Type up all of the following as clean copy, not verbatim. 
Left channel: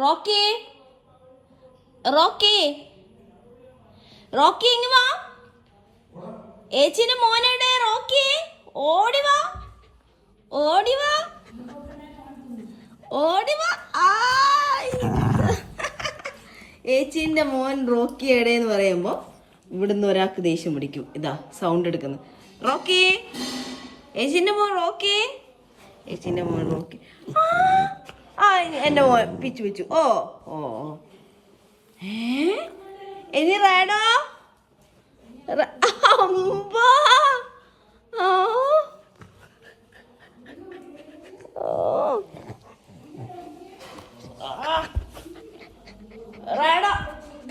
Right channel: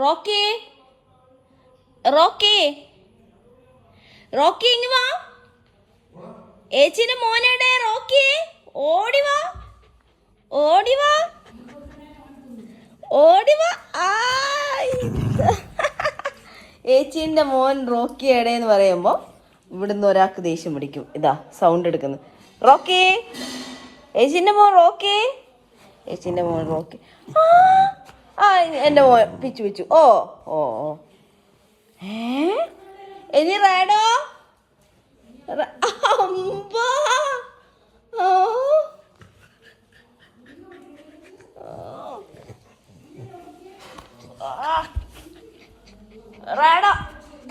Rocky Rocky Rocky ഇങ്ങ് വാ. ഏച്ചിന്റെ മോനടെ Rocky, ഓടിവാ ഓടിവാ ഓടിവാ. ഏച്ചിന്റെ മോൻ റോക്കി എടേന്ന് പറയുമ്പോ ഇവിടുന്ന് ഒരാൾക്ക് ദേഷ്യം പിടിക്കും. ഇതാ സൗണ്ട് എടുക്കുന്നു. റോക്കി, ഏച്ചിന്റെ മോൻ റോക്കി, ഏച്ചിന്റെ മോൻ റോക്കി. എന്റെ മോൻ പിച്ചു പിച്ചു. ഓ ഓ ഓ ഇനി റേഡോ. അമ്പാ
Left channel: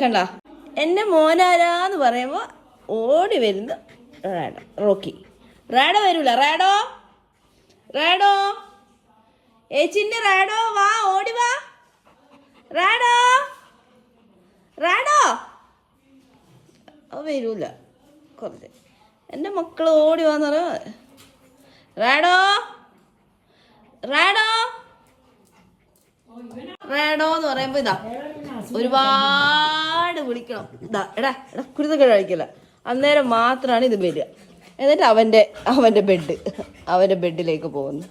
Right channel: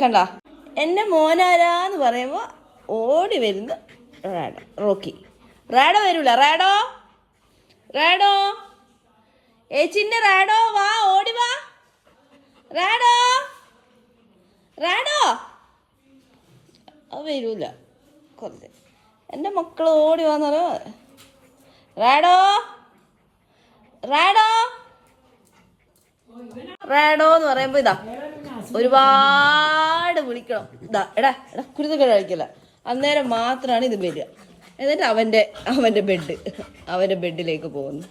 കണ്ട എന്റെ മോനാരാന്ന് പറയുമ്പോ ഓടി വരുന്ന റാഡോ. റോക്കി റാഡോ വരൂല. റാഡോ റാഡോ ഏച്ചിന്റെ റാഡോ വാ, ഓടി വാ. റാഡോ റാഡോ വരൂല. കുറച്ച് എൻ്റെ മക്കൾ ഓടി വാന്ന് പറയാ. റാഡോ റാഡോ റാഡോ എന്ന് പറയുമ്പോ ഇതാ ഒരുപാട് വിളിക്കണം. ഇതാ എടാ എടാ കുരുത്തക്കേട് കഴിക്കില്ല. അന്നേരം മാത്രമാണ് ഇത് വരിക. എന്നിട്ട് അവന്റെ ബെഡിലേക്ക് പോകുന്നു.